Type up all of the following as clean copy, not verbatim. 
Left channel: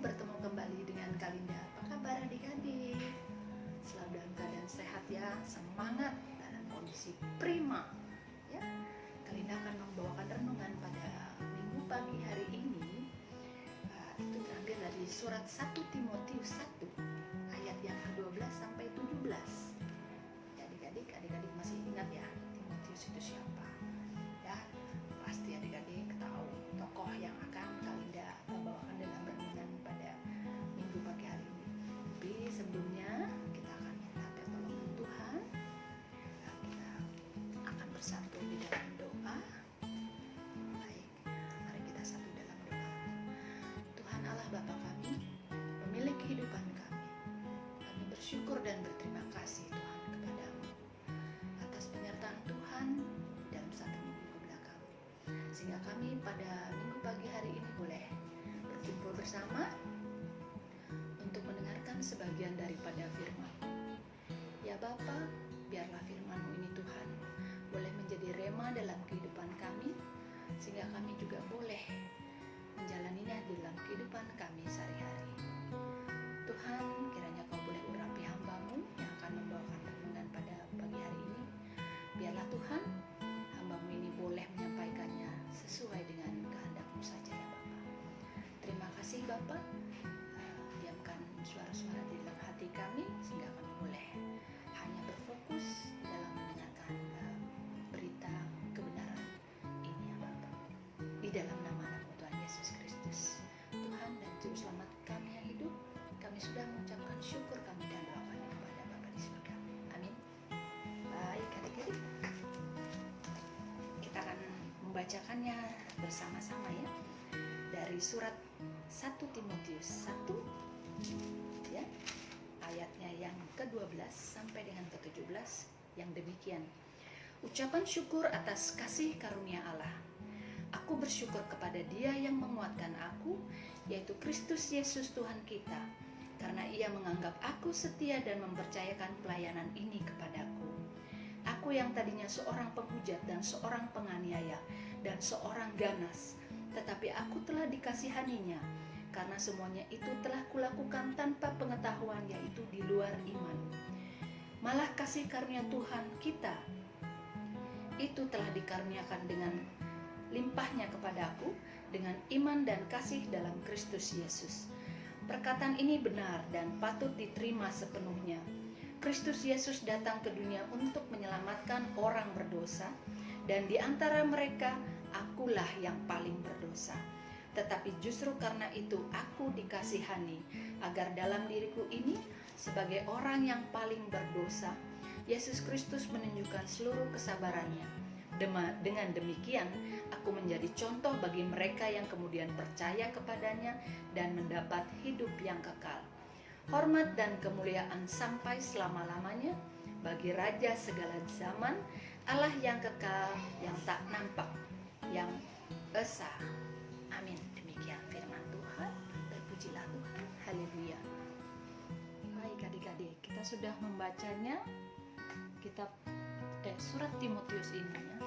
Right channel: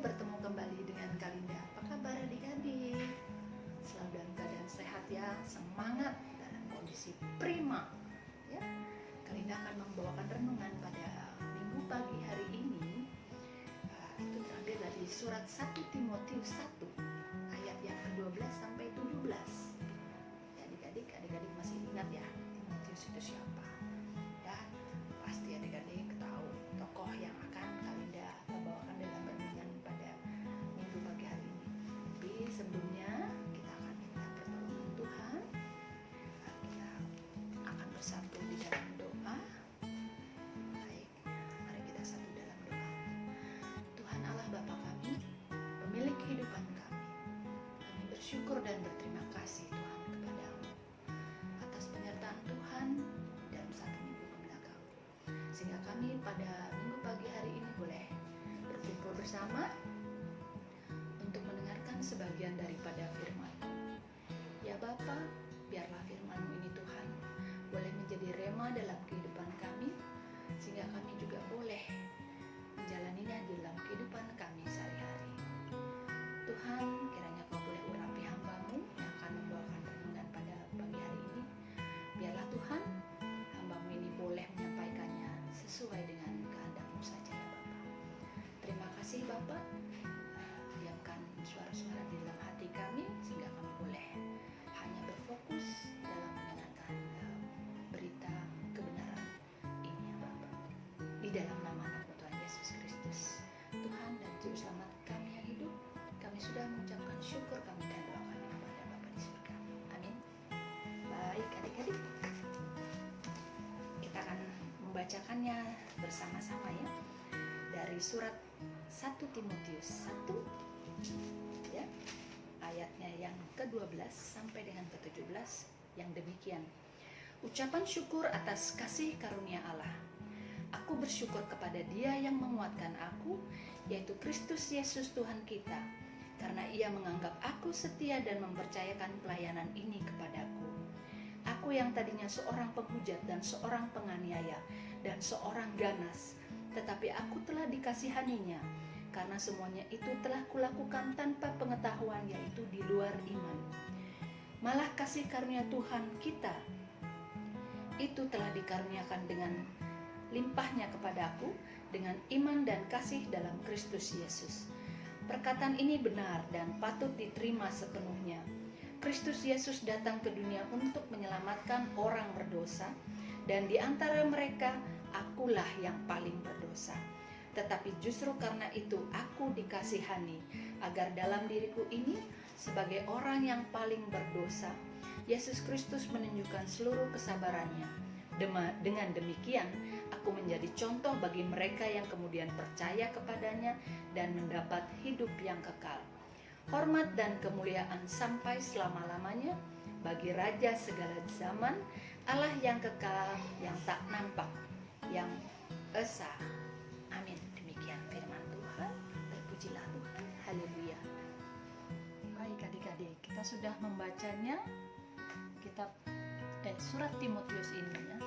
bertemu kembali dengan Kalinda. Apa kabar adik-adik? Selalu dalam keadaan sehat ya, semangat, dalam kondisi prima ya. Kalinda akan membawakan renungan pada minggu pagi hari ini. Itu terambil dari surat 1 Timotius 1 ayat yang ke-12 sampai 17. Ya adik-adik masih ingat ya Timotius itu siapa? Ya, pasti adik-adik tahu tokoh yang akan Kalinda bawakan dalam renungan pada minggu pagi hari ini. Tapi sebelumnya kita akan minta pertolongan Tuhan. Kita akan bersatu di dalam doa. Baik, mari kita satu dalam doa. Tuhan Allah Bapa kami, pemilik kehidupan kami, kami bersyukur dan berterima kasih Tuhan kepadamu atas penyertaan Tuhan dalam satu minggu kebelakang, sehingga kami pada minggu pagi hari ini boleh berkumpul bersama untuk mendengarkan sebagian daripada firman-Mu. Ya Bapa, biarlah firman-Mu ini Tuhan boleh menjadi rema dalam kehidupan kami, sehingga kami juga boleh menjalaninya di dalam kehidupan kami sehari-hari. Tuhan, kiranya Kau boleh urapi hamba-Mu yang akan membawakan renungan pada pagi hari ini. Biarlah Tuhan, hamba-Mu ini boleh menyampaikannya sesuai dengan kehendak-Mu saja ya Bapa. Terima kasih Bapa. Diamkan suara-suara di dalam hati kami sehingga kami boleh hanya berfokus dalam mendengarkan berita kebenaran ini ya Bapa. Di dalam nama anak-Mu Tuhan Yesus Kristus, Tuhan dan Juru Selamat kami yang hidup, kami sudah mengucapkan syukur kami dan doa kami kepada Bapa di surga. Amin. Baik adik-adik, kita akan membacakannya bersama-sama ya, dari surat 1 Timotius 1 ya, ayatnya yang ke-12 sampai dengan ke-17 yang demikian. Ucapan syukur atas kasih karunia Allah. Aku bersyukur kepada Dia yang menguatkan aku, yaitu Kristus Yesus Tuhan kita, karena Ia menganggap aku setia dan mempercayakan pelayanan ini kepadaku. Aku yang tadinya seorang penghujat dan seorang penganiaya dan seorang ganas, tetapi aku telah dikasihaninya, karena semuanya itu telah kulakukan tanpa pengetahuan, yaitu di luar iman. Malah kasih karunia Tuhan kita itu telah dikaruniakan dengan limpahnya kepadaku dengan iman dan kasih dalam Kristus Yesus. Perkataan ini benar dan patut diterima sepenuhnya. Kristus Yesus datang ke dunia untuk menyelamatkan orang berdosa, dan di antara mereka akulah yang paling berdosa. Tetapi justru karena itu aku dikasihani, agar dalam diriku ini sebagai orang yang paling berdosa, Yesus Kristus menunjukkan seluruh kesabarannya. Dengan demikian, aku menjadi contoh bagi mereka yang kemudian percaya kepadanya dan mendapat hidup yang kekal. Hormat dan kemuliaan sampai selama-lamanya bagi Raja segala zaman, Allah yang kekal, yang tak nampak, yang esa. Amin. Demikian firman Tuhan. Terpujilah Tuhan. Haleluya. Baik adik-adik, kita sudah membacanya kitab surat Timotius ini ya.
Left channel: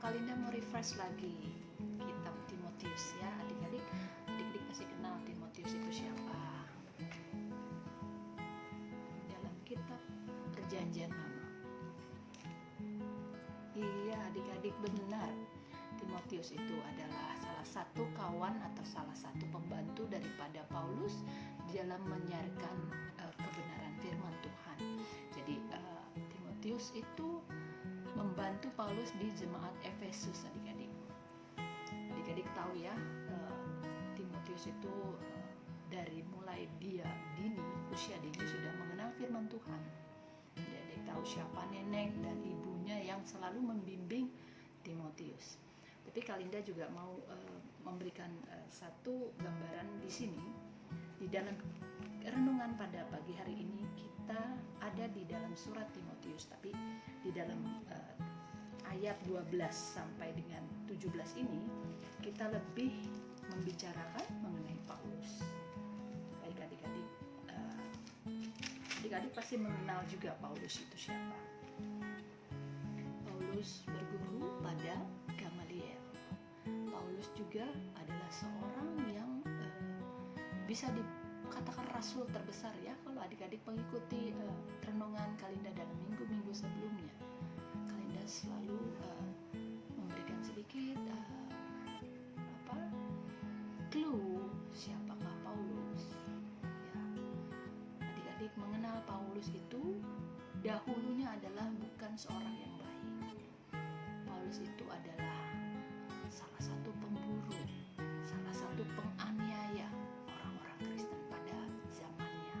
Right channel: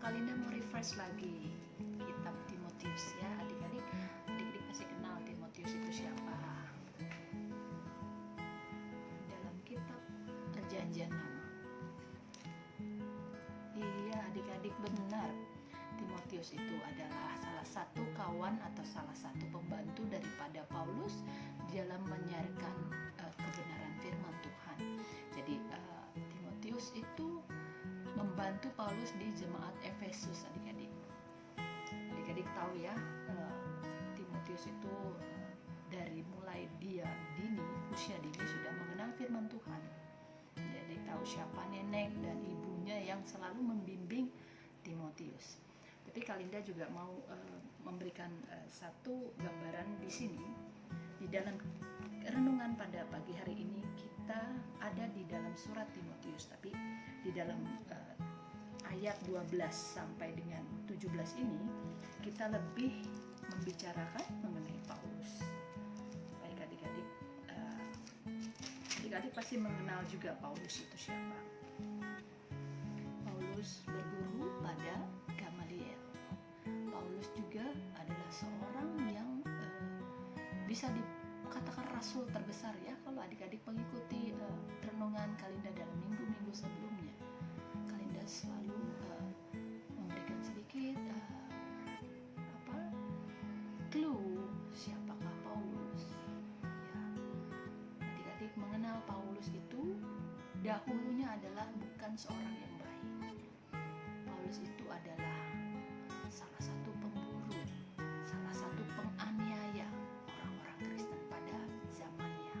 Kalinda mau refresh lagi kitab Timotius ya adik-adik. Adik-adik pasti kenal Timotius itu siapa. Dalam kitab Perjanjian Lama. Iya adik-adik, benar. Timotius itu adalah salah satu kawan atau salah satu pembantu daripada Paulus dalam menyiarkan kebenaran firman Tuhan. Jadi Timotius itu membantu Paulus di jemaat Efesus adik-adik. Adik-adik tahu ya, Timotius itu dari mulai dia usia dini sudah mengenal firman Tuhan. Adik-adik tahu siapa nenek dan ibunya yang selalu membimbing Timotius. Tapi Kalinda juga mau memberikan satu gambaran di sini. Di dalam renungan pada pagi hari ini kita ada di dalam surat Timotius, tapi di dalam ayat 12 sampai dengan 17 ini kita lebih membicarakan mengenai Paulus. Baik adik-adik, adik-adik pasti mengenal juga Paulus itu siapa. Paulus berguru pada Gamaliel. Paulus juga adalah seorang yang bisa dikatakan rasul terbesar ya, kalau adik-adik mengikuti renungan Kalinda dalam minggu-minggu sebelumnya. Kalinda selalu memberikan sedikit clue siapakah Paulus. Ya, adik-adik mengenal Paulus itu dahulunya adalah bukan seorang yang baik. Paulus itu adalah salah satu pemburu, salah satu penganiaya orang-orang Kristen pada zamannya.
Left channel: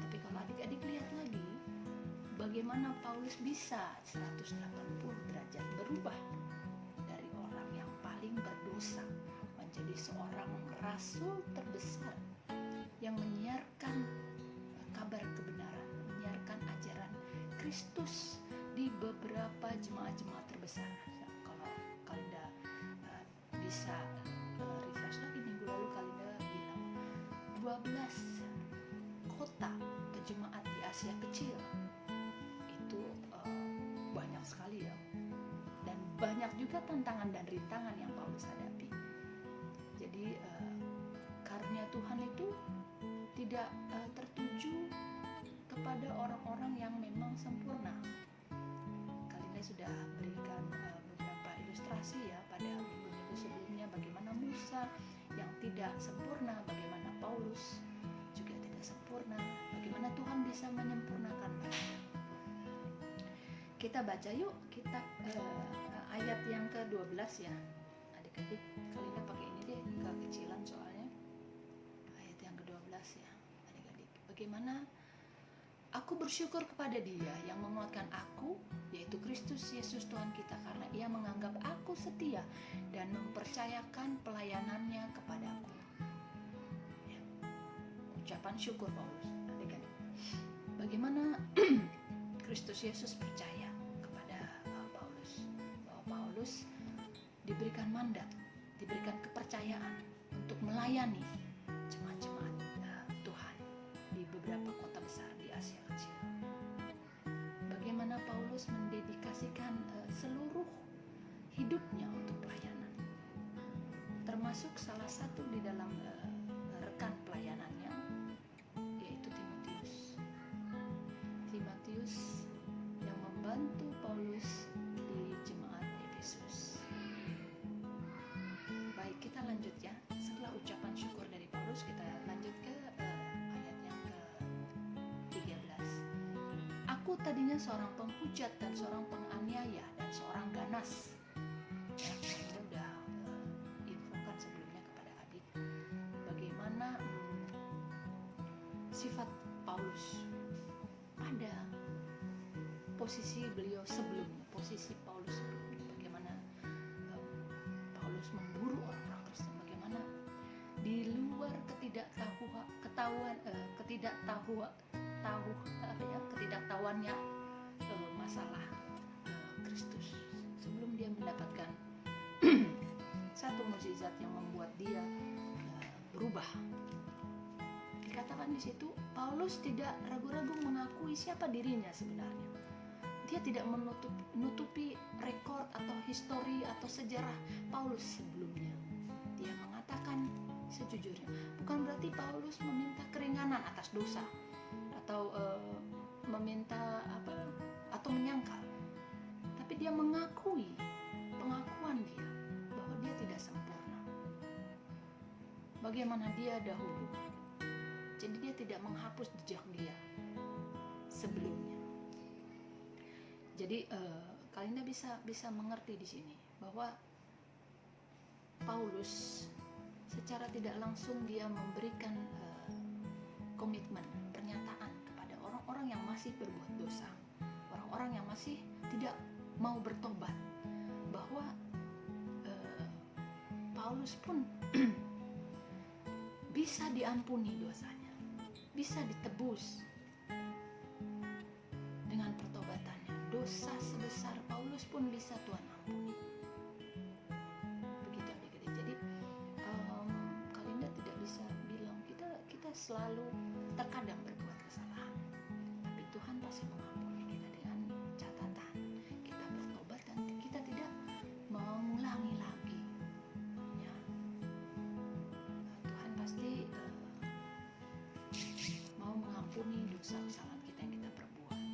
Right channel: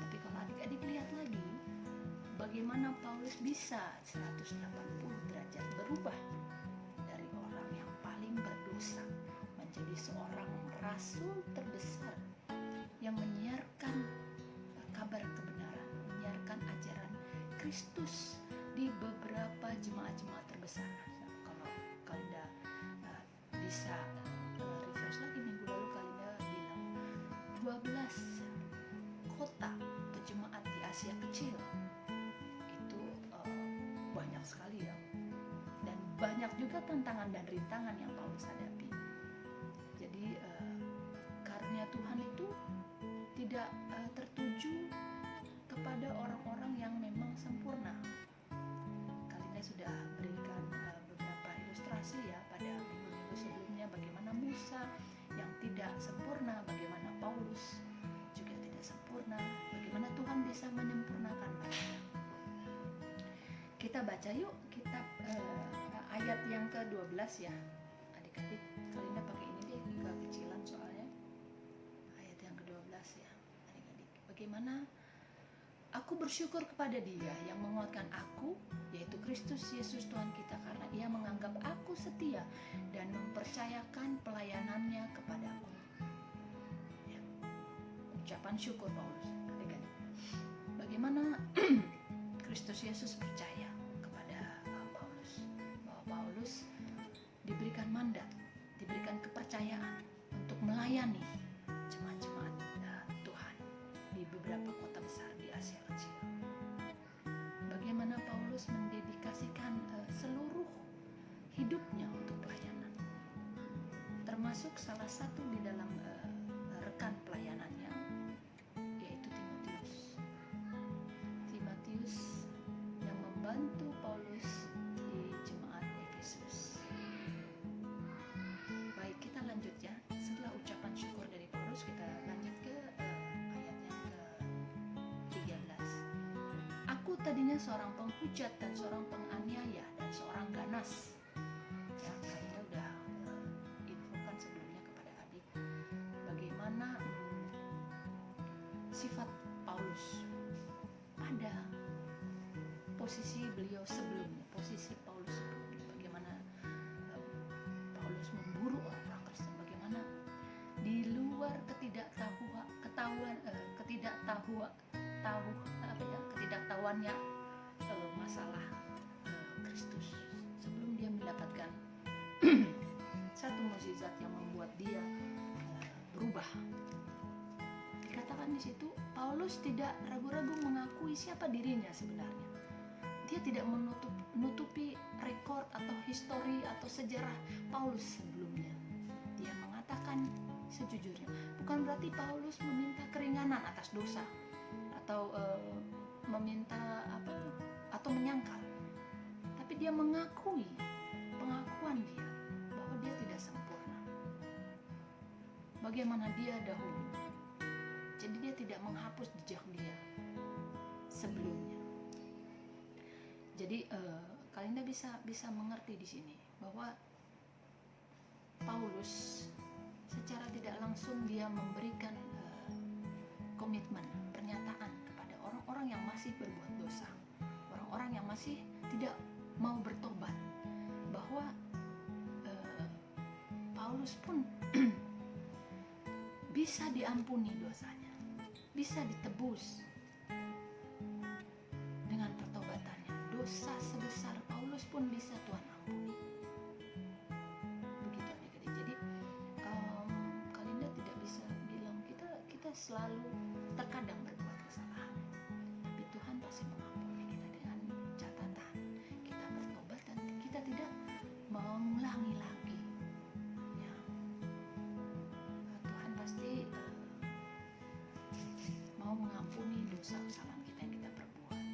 Tapi kalau adik-adik lihat lagi, bagaimana Paulus bisa 180 derajat berubah dari orang yang paling berdosa menjadi seorang rasul terbesar yang menyiarkan kabar kebenaran, menyiarkan ajaran Kristus di beberapa jemaat-jemaat terbesar. Kalau Kalinda bisa refresh lagi, minggu lalu Kalinda bilang 12 kota atau jemaat di Asia Kecil itu banyak sekali ya, dan banyak juga tantangan dan rintangan yang Paulus hadapi. Jadi karunia Tuhan itu tidak tertuju kepada orang-orang yang memang sempurna. Kalinda sudah berikan beberapa ilustrasi ya pada minggu-minggu sebelumnya, bagaimana Musa yang tidak sempurna, bagaimana Paulus juga tidak sempurna, bagaimana Tuhan bisa menyempurnakan mereka. Kita baca yuk kitab ayat yang ke-12 ya. Adik-adik, Kalinda pakai ini deh, kekecilan soalnya. Ayat yang ke-12 ya, adik-adik. Bagaimana aku bersyukur kepada Dia yang menguatkan aku, yaitu Kristus Yesus Tuhan kita, karena Ia menganggap aku setia dan mempercayakan pelayanannya kepadaku. Ya. Ucapan syukur Paulus, adik-adik. Bagaimana Kristus Yesus percaya kepada Paulus, bahwa Paulus diberikan mandat, diberikan kepercayaan untuk melayani jemaat-jemaat Tuhan di beberapa kota besar di Asia Kecil. Bagaimana Paulus mendedikasikan seluruh hidupnya untuk pelayanan, termasuk salah satu di dalam rekan pelayanannya, yaitu Timotius yang membantu Paulus di jemaat Efesus. Baik, kita lanjut ya. Setelah ucapan syukur dari Paulus, kita lanjut ke ayat yang ke-13. Aku tadinya seorang penghujat dan seorang penganiaya dan seorang ganas. Ya, Kalinda udah infokan sebelumnya kepada adik bagaimana sifat Paulus pada posisi Paulus sebelumnya, bagaimana Paulus memburu orang-orang Kristen, bagaimana di luar ketidaktahuannya masalah Kristus, sebelum dia mendapatkan satu mukjizat yang membuat dia berubah. Dikatakan di situ, Paulus tidak ragu-ragu mengakui siapa dirinya sebenarnya. Dia tidak menutupi rekor atau histori atau sejarah Paulus sebelumnya. Dia mengatakan sejujurnya. Bukan berarti Paulus meminta keringanan atas dosa atau meminta atau menyangkal. Tapi dia mengakui pengakuan dia bahwa dia tidak sempurna. Bagaimana dia dahulu. Jadi dia tidak menghapus jejak dia sebelumnya. Jadi Kalinda bisa mengerti di sini bahwa Paulus secara tidak langsung dia memberikan komitmen, pernyataan kepada orang-orang yang masih berbuat dosa, orang-orang yang masih tidak mau bertobat, bahwa Paulus pun bisa diampuni dosanya, bisa ditebus dengan pertobatannya. Dosa sebesar Paulus pun bisa Tuhan ampuni. Begitu adik-adik. Jadi Kalinda tidak bisa bilang kita selalu terkadang berbuat kesalahan, tapi Tuhan pasti mengampuni kita dengan catatan kita bertobat dan kita tidak mengulangi lagi Tuhan pasti mau mengampuni dosa kesalahan kita yang kita perbuat.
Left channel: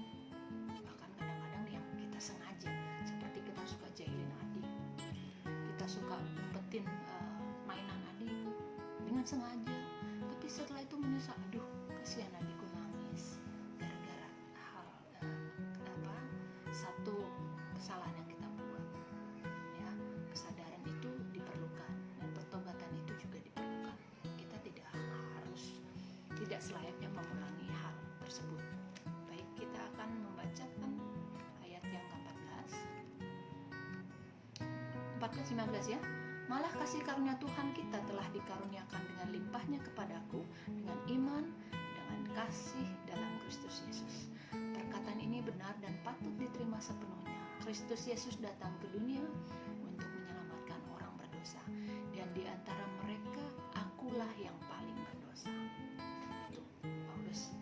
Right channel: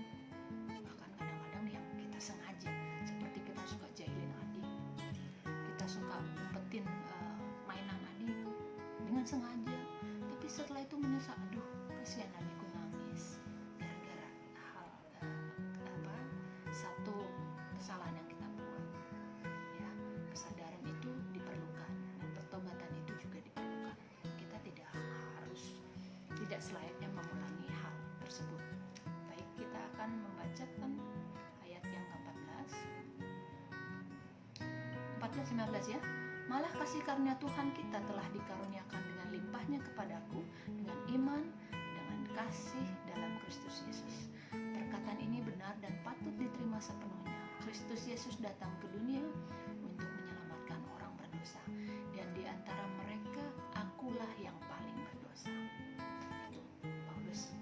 Bahkan kadang-kadang yang kita sengaja, seperti kita suka jahilin adik, kita suka umpetin mainan adik dengan sengaja, tapi setelah itu menyesal, aduh kasihan adikku nangis gara-gara hal satu kesalahan yang kita buat. Ya, kesadaran itu diperlukan dan pertobatan itu juga diperlukan. Kita tidak selayaknya mengulangi hal tersebut. Baik, kita akan membacakan ayat yang ke-14, 15 ya. Malah kasih karunia Tuhan kita telah dikaruniakan dengan limpahnya kepadaku dengan iman, dengan kasih dalam Kristus Yesus. Perkataan ini benar dan patut diterima sepenuhnya. Kristus Yesus datang ke dunia untuk menyelamatkan orang berdosa, dan di antara mereka akulah yang paling berdosa. Itu Paulus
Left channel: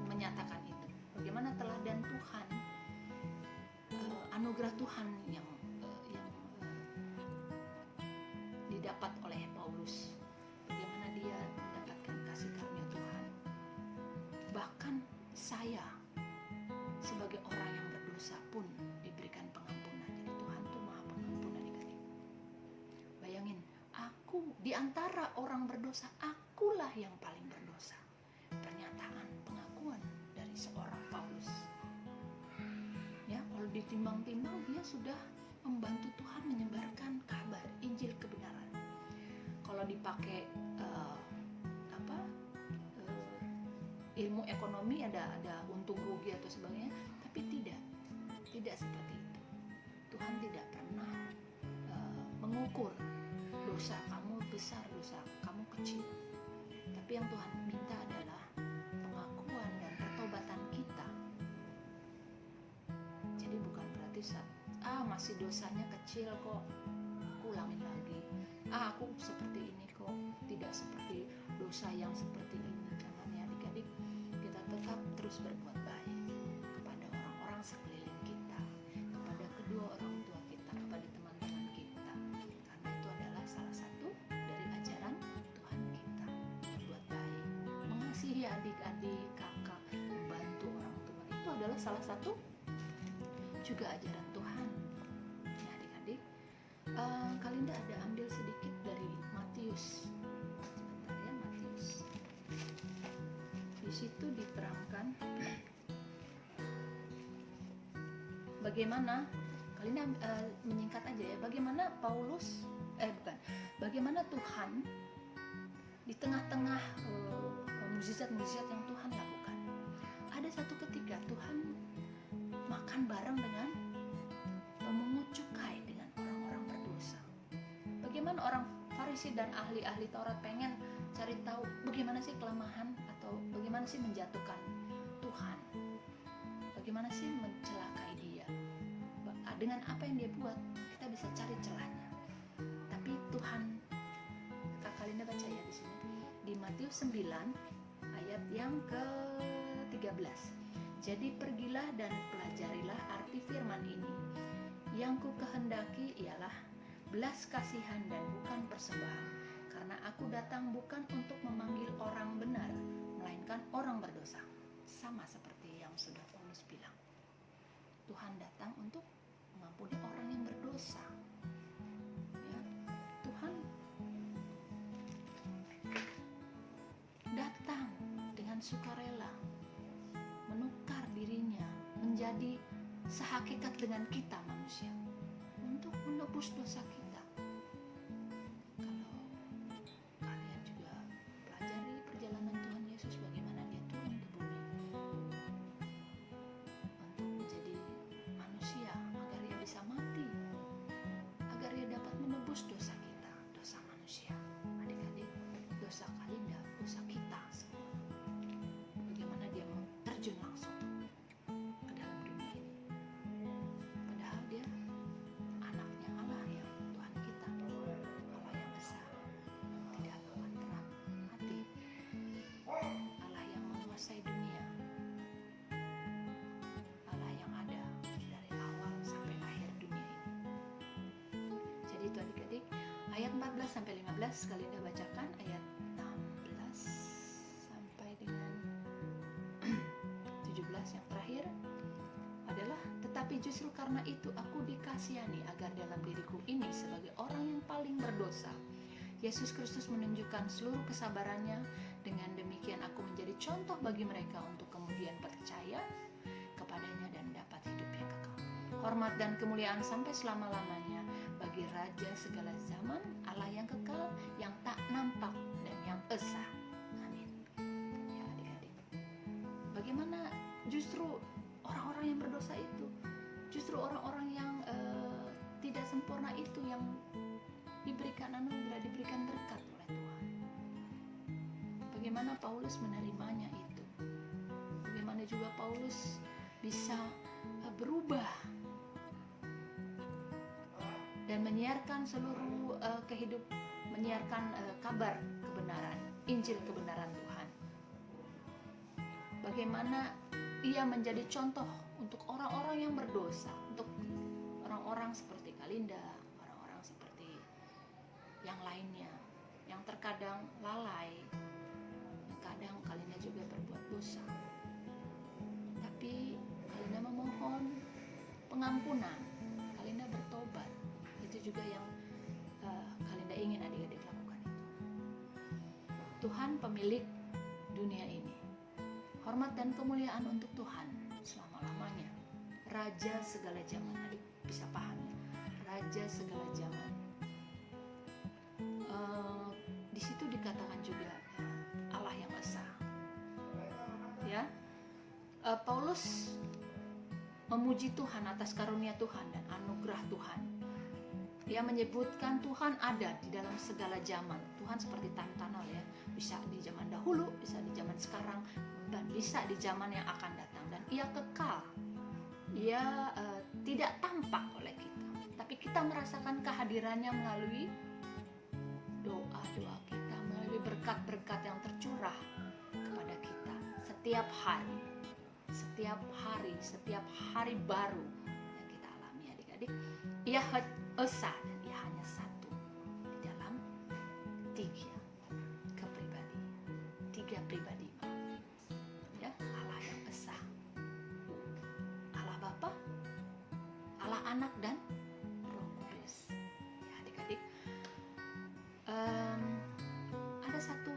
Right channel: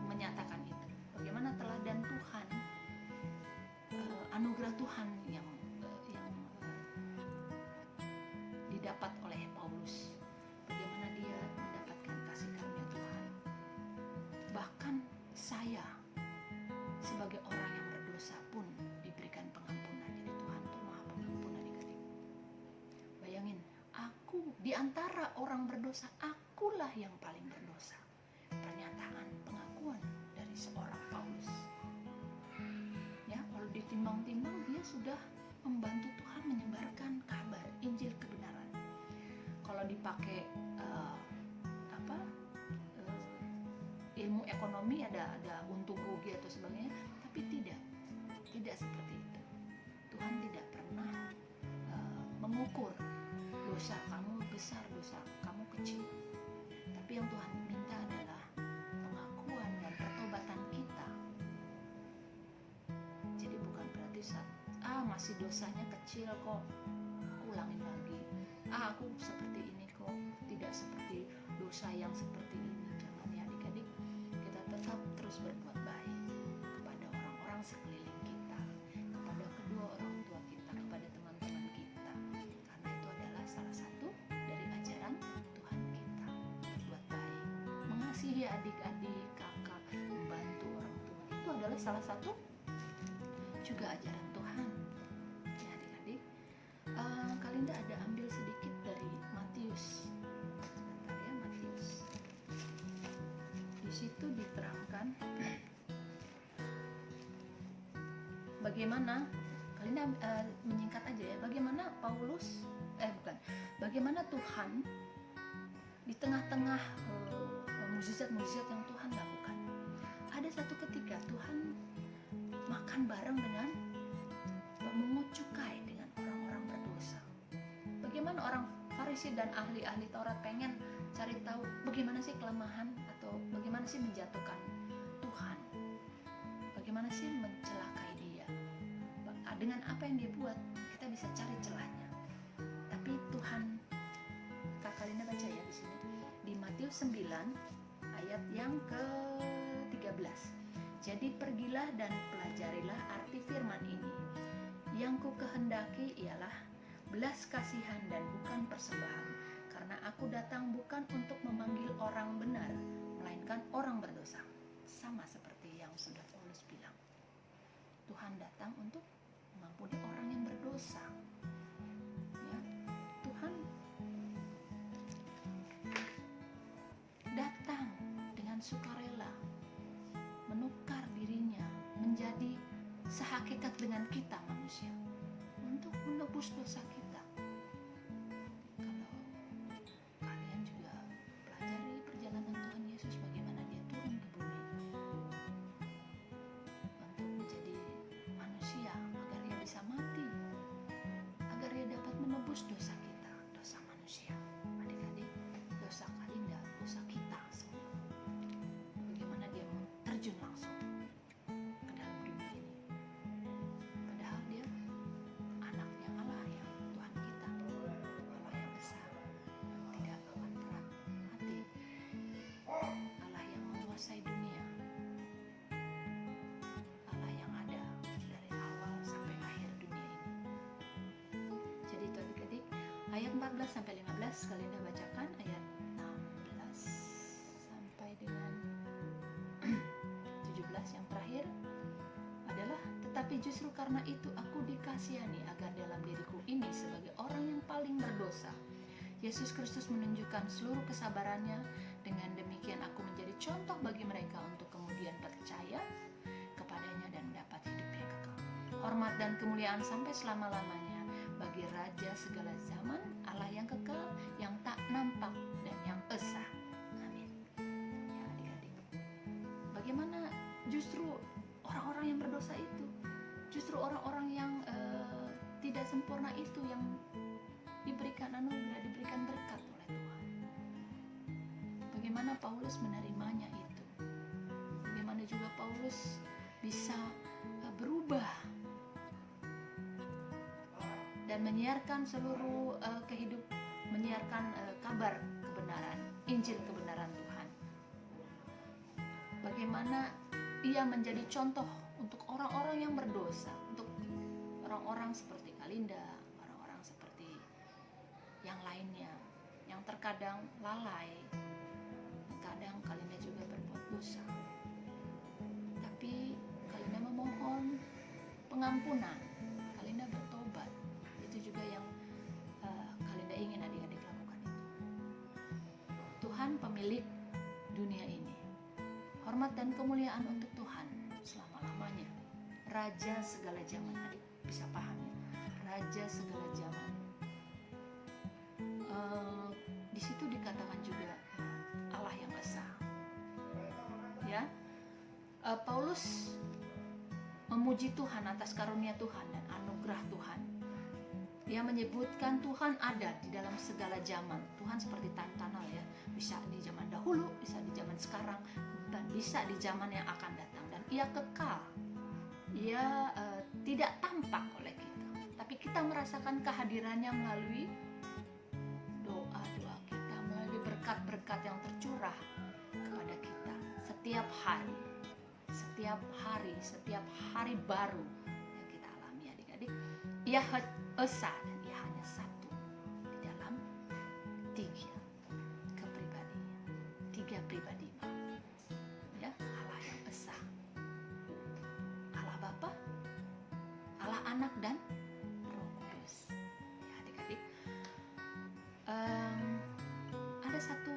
menyatakan itu. Bagaimana teladan Tuhan, anugerah Tuhan yang didapat oleh Paulus. Bagaimana dia mendapatkan kasih karunia Tuhan. Bahkan saya sebagai orang yang berdosa pun diberikan pengampunan. Jadi Tuhan tuh maha pengampun adik-adik. Bayangin, aku di antara orang berdosa, akulah yang paling berdosa. Pernyataan, pengakuan dari seorang Paulus. Ya, kalau ditimbang-timbang dia sudah membantu Tuhan menyebarkan kabar Injil kebenaran. Kalau dipakai ilmu ekonomi ada untung rugi atau sebagainya, tapi tidak seperti itu. Tuhan tidak pernah mengukur dosa kamu besar, dosa kamu kecil. Tapi yang Tuhan minta adalah pengakuan dan pertobatan kita. Jadi bukan berarti masih dosanya kecil kok, aku ulangin lagi. Aku seperti ini kok, tidak seperti dosa yang seperti ini. Jangan ya adik-adik, kita tetap terus berbuat baik kepada orang-orang sekeliling kita, kepada kedua orang tua kita, kepada teman-teman kita, karena itu adalah salah satu dari ajaran Tuhan kita. Berbuat baik, mengasihi adik-adik, kakak, membantu orang tua, itu adalah salah satu juga ajaran Tuhan. Ya adik-adik, Kalinda ada ambil sedikit dari Matius. Sebentar ya, Matius. Di situ diterangkan bagaimana, Kalinda menyingkat aja ya, bagaimana bagaimana Tuhan di tengah-tengah mukjizat-mukjizat yang Tuhan lakukan. Ada satu ketika Tuhan makan bareng dengan pemungut cukai, dengan orang-orang berdosa. Bagaimana orang Farisi dan ahli-ahli Taurat pengen cari tahu bagaimana sih kelemahan atau bagaimana sih menjatuhkan Tuhan, bagaimana sih mencelakai dia. Dengan apa yang dia buat kita bisa cari celahnya. Tapi Tuhan, Kak Kalinda baca ya di sini di Matius 9 ayat yang ke-13. Jadi pergilah dan pelajarilah arti firman ini. Yang ku kehendaki ialah belas kasihan dan bukan persembahan. Karena aku datang bukan untuk memanggil orang benar, melainkan orang berdosa. Sama seperti yang sudah Paulus bilang. Tuhan datang untuk mengampuni orang yang berdosa. Ya, Tuhan datang dengan sukarela, menukar dirinya menjadi sehakikat dengan kita manusia untuk menebus dosa kita. Kalau kalian juga pelajari perjalanan Tuhan Yesus, bagaimana dia turun ke bumi untuk menjadi manusia agar ia bisa mati, agar ia dapat menebus dosa kita, dosa manusia. Adik-adik, dosa Kalinda, dosa kita semua. Bagaimana dia mau terjun langsung ke dalam dunia ini, padahal dia anaknya Allah, yang Tuhan kita, Allah yang esa, yang tidak akan pernah mati, Allah yang menguasai dunia, Allah yang ada dari awal sampai akhir dunia ini. Jadi itu adik-adik, ayat 14 sampai 15. Kalinda bacakan ayat 16 sampai dengan 17 yang terakhir adalah, tetapi justru karena itu aku dikasihani agar dalam diriku ini sebagai orang yang paling berdosa, Yesus Kristus menunjukkan seluruh kesabarannya. Dengan demikian aku menjadi contoh bagi mereka untuk kemudian percaya kepadanya dan mendapat hidup yang kekal. Hormat dan kemuliaan sampai selama-lamanya bagi Raja segala zaman, Allah yang kekal, yang tak nampak dan yang esa. Amin. Ya adik-adik, bagaimana justru orang-orang yang berdosa itu, justru orang-orang yang tidak sempurna itu yang diberikan anugerah, diberikan berkat oleh Tuhan. Bagaimana Paulus menerimanya itu? Bagaimana juga Paulus bisa berubah dan menyiarkan seluruh menyiarkan kabar kebenaran, Injil kebenaran Tuhan. Bagaimana ia menjadi contoh untuk orang-orang yang berdosa, untuk orang-orang seperti Kalinda, orang-orang seperti yang lainnya, yang terkadang lalai, dan kadang Kalinda juga berbuat dosa. Tapi Kalinda memohon pengampunan, Kalinda bertobat. Itu juga yang Kalinda ingin adik-adik lakukan itu. Tuhan pemilik dunia ini. Hormat dan kemuliaan untuk Tuhan selama-lamanya. Raja segala zaman, adik bisa paham ya. Raja segala zaman. Di situ dikatakan juga Allah yang esa. Ya, Paulus memuji Tuhan atas karunia Tuhan dan anugerah Tuhan. Ia menyebutkan Tuhan ada di dalam segala zaman. Tuhan seperti time tunnel ya, bisa di zaman dahulu, bisa di zaman sekarang, dan bisa di zaman yang akan datang. Dan ia kekal, ia tidak tampak oleh kita, tapi kita merasakan kehadirannya melalui doa-doa kita, melalui berkat-berkat yang tercurah kepada kita setiap hari baru yang kita alami adik-adik. Ia esa dan ia hanya satu di dalam tiga pribadi ya, Allah yang esa, Allah Bapa, Allah Anak dan Roh Kudus ya adik-adik. Ada satu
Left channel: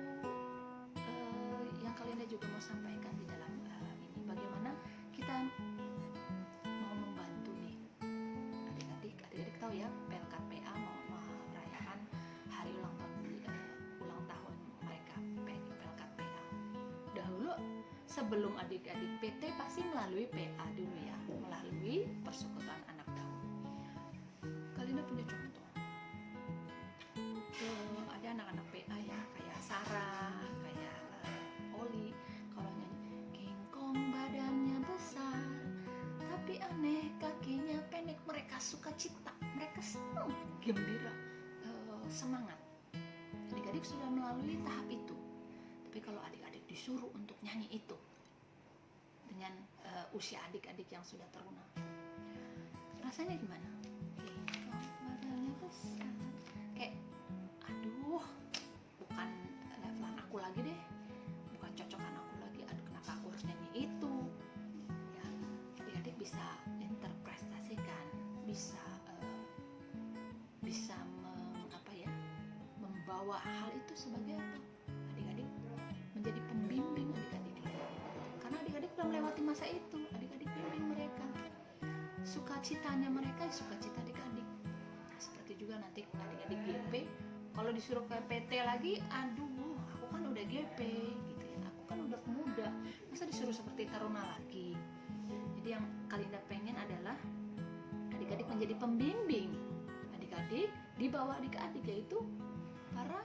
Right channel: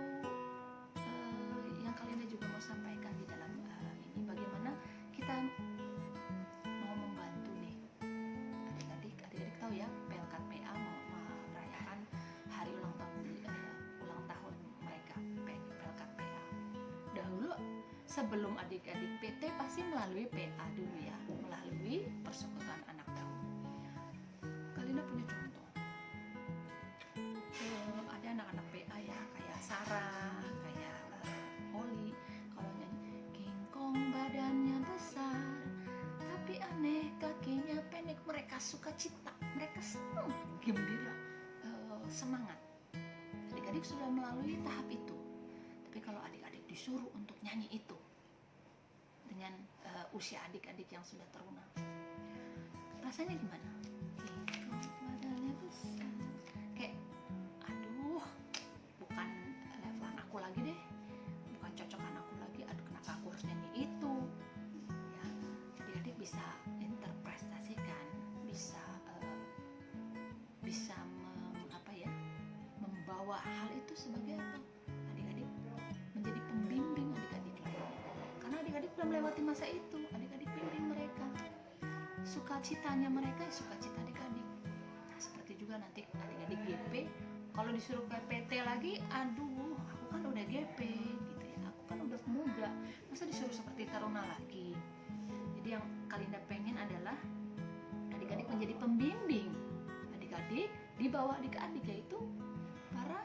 yang Kalinda juga mau sampaikan di dalam ini, bagaimana kita mau membantu nih adik-adik tahu ya, Pelkat PA mau merayakan hari ulang tahun mereka, Pelkat PA. Dahulu sebelum adik-adik PT pasti melalui PA dulu ya, melalui Persekutuan Anak dahulu. Kalinda punya contoh. Ada anak-anak PA ya, kayak Sarah, kayak Oli, kalau nyanyi kingkong badannya besar tapi aneh kakinya pendek, mereka suka cita, mereka senang, gembira, semangat. Adik-adik sudah melalui tahap itu. Tapi kalau adik-adik disuruh untuk nyanyi itu dengan usia adik-adik yang sudah terunang, rasanya gimana? Kingkong badannya besar, kayak aduh, bukan levelan aku lagi deh, bukan cocokan aku lagi, aduh kenapa aku harus nyanyi itu ya. Adik-adik bisa interpretasikan, bisa membawa hal itu sebagai apa? Adik-adik menjadi pembimbing adik-adik lainnya, karena adik-adik sudah melewati masa itu. Adik-adik bimbing mereka, sukacitanya mereka sukacita adik-adik. Nah, seperti juga nanti adik-adik GP, kalau disuruh ke PT lagi, aduh aku kan udah GP gitu ya, aku kan udah pemuda, masa disuruh seperti taruna lagi. Jadi yang Kalinda pengen adalah adik-adik menjadi pembimbing adik-adik, di bawah adik-adik, yaitu para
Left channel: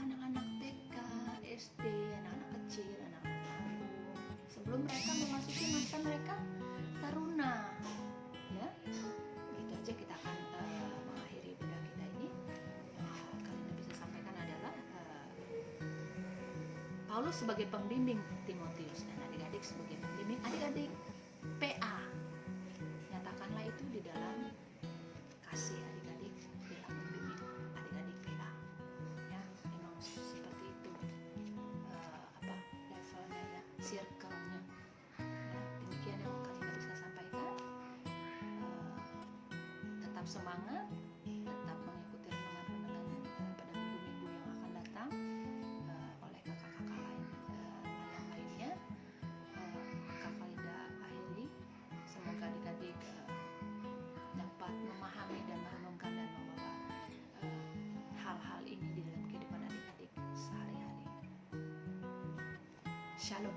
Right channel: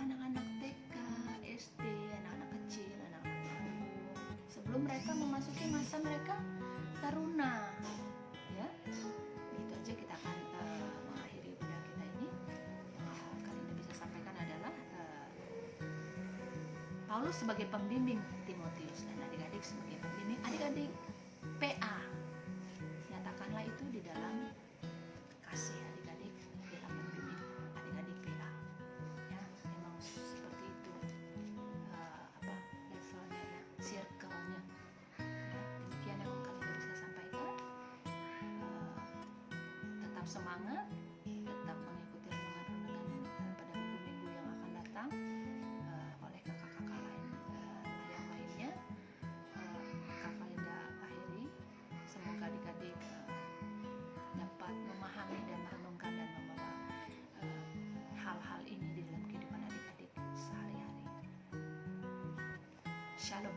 anak-anak TK, SD, anak-anak kecil, anak-anak tanggung, sebelum mereka memasuki masa mereka taruna ya. Gitu aja kita akan mengakhiri ibadah kita ini. Yang Kalinda bisa sampaikan adalah Paulus sebagai pembimbing Timotius dan adik-adik sebagai pembimbing adik-adik PA. Nyatakanlah itu di dalam kasih adik-adik, dalam membimbing adik-adik PA. Ya, memang seperti itu levelnya ya, circle-nya. Ya, demikian yang Kalinda bisa sampaikan. Tetap semangat, tetap mengikuti renungan-renungan pada minggu-minggu yang akan datang oleh kakak-kakak lainnya. Kakak Linda akhiri, semoga adik-adik dapat memahami dan merenungkan dan membawa hal-hal ini di dalam kehidupan adik-adik sehari-hari. Shalom.